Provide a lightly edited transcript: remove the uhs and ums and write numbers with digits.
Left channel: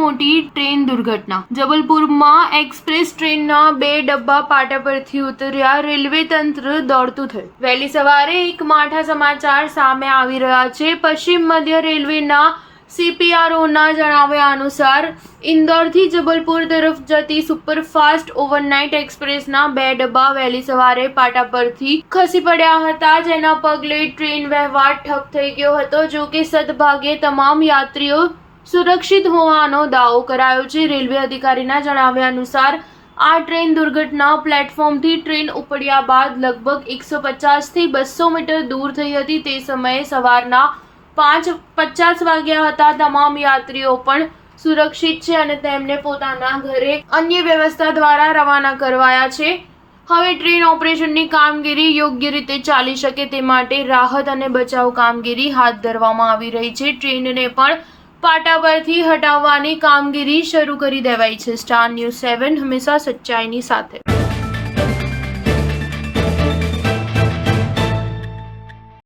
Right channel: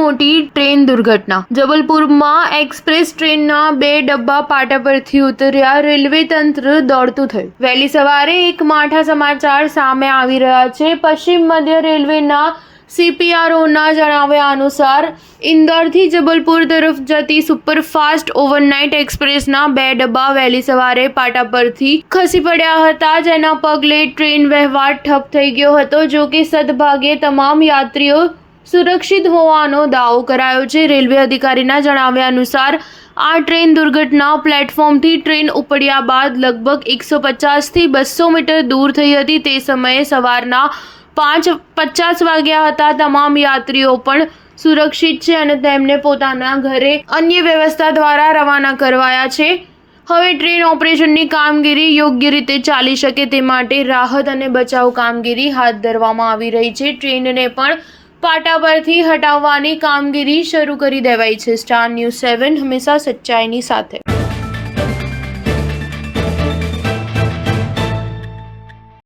મોટી ટ્રેન દુર્ઘટના. જબલપુરમાં એક્સપ્રેસ ટ્રેનના 2 ડબ્બા પાટા પરથી ઉતર્યા, રેલવે તંત્ર દોડતું થયું. વહેલી સવારે એક માઠા સમાચાર સામે આવી રહ્યા છે. પશ્ચિમ મધ્ય રેલવેના CPROના જણાવ્યા અનુસાર ઇન્દોરથી જબલપુર તરફ જતી સુપરફાસ્ટ ઓવરનાઇટ એક્સપ્રેસના 2 ડબ્બા વહેલી સવારે પાટા પરથી ખસી પડ્યા હતા, જેના પગલે ટ્રેન વ્યવહાર ઠપ થઈ ગયો હતો. જો કે સદભાગ્યે તમામ યાત્રીઓ સુરક્ષિત હોવાનો દાવો કરાયો છે. રેલવે અધિકારીના જણાવ્યા અનુસાર આ ટ્રેન દુર્ઘટના પ્લેટફોર્મથી ટ્રેન ઉપડ્યા બાદ લગભગ 150 થી 200 મીટર દૂર થઈ હતી. તે સમયે સવારના 5:50 વાગ્યા હતા. તમામ યાત્રીઓ પણ સુરક્ષિત છે અને તેમને પોતાના ઘરે અન્ય વ્યવસ્થા દ્વારા રવાના કરવાયા છે. હવે ટ્રેન ઓપરેશનની કામગીરી યોગ્ય રીતે ચાલી શકે તે માટે રાહત અને બચાવ કામગીરી હાથ ધરવામાં આવી રહી છે. ટ્રેનને પણ પાટા પરથી હટાવવાની કામગીરી શરૂ કરી દેવાઈ છે. સ્ટાર ન્યૂઝ 7 હંમેશા સચ્ચાઈની સાથે.